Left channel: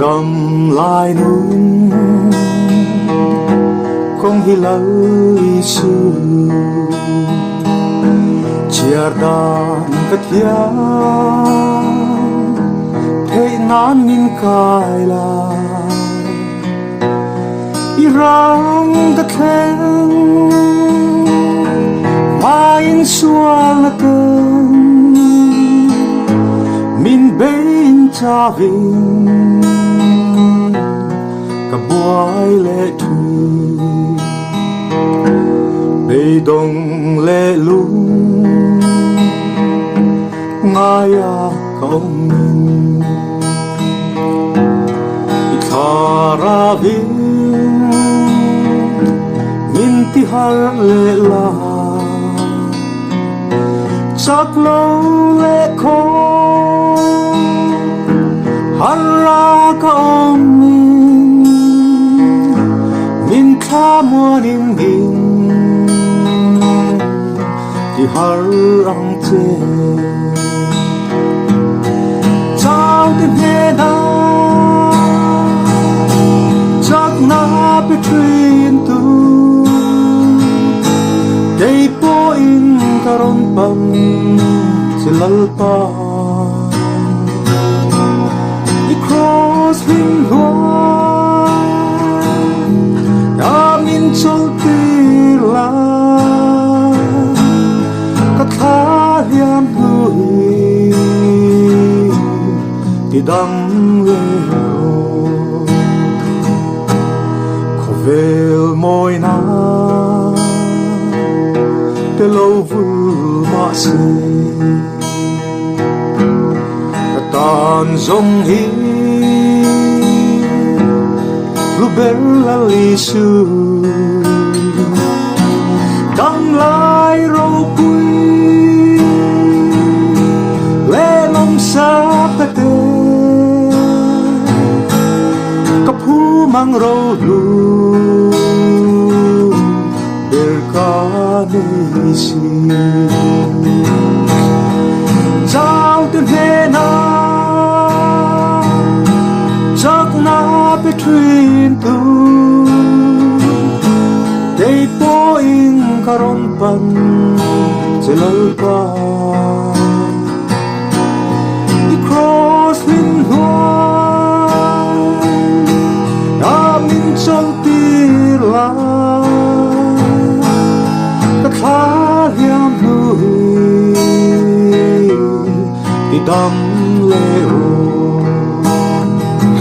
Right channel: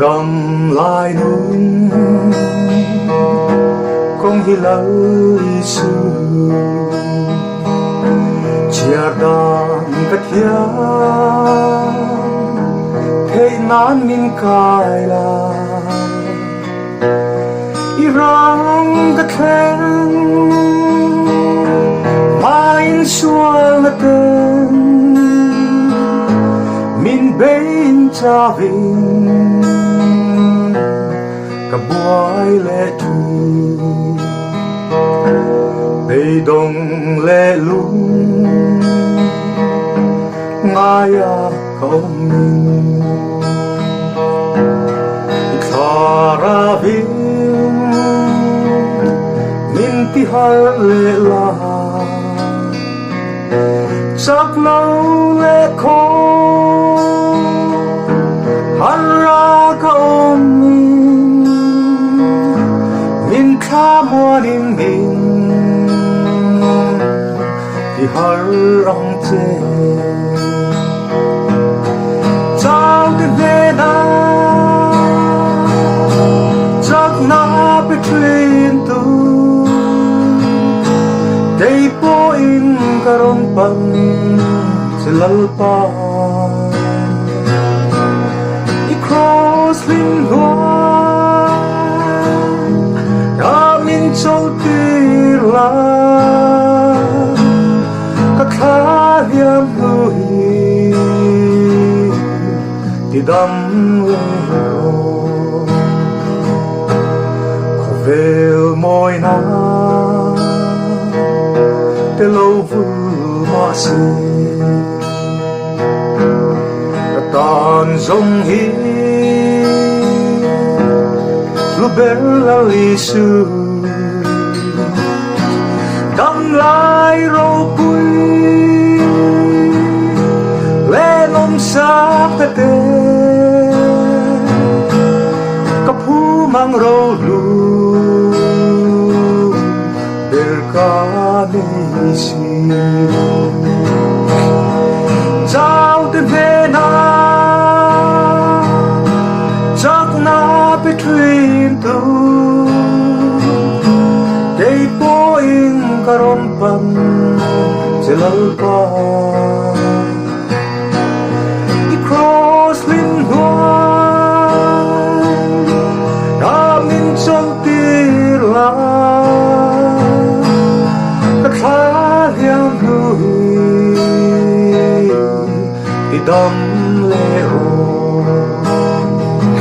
đầm lại nung không hi lâu su chia đàn cất giá thế nan min cài la irang cất khen main sual na cơn min bên cha vinh cả boy lệ thu bê đông lệ lung ngay à không mình ra vinh min ti har lệ la chắc lâu lệ khó thì har rong chê trao cái về đó chắc nó bị truyền tu đây poin karon pang silalpa i cross bin hoa amin châu tir la thì đắm người có về môi nắng để lâu vui mọ xinh cả tàn giống hi lúc bên là lì sư đắm lại râu bụi lê lông xa cái tên mang râu lu berkanisi jauh từ về na chắc na between tu day poin karon pang silalpa i cross lin hoa trong tir la các khá hiếm vui thì đắm lệ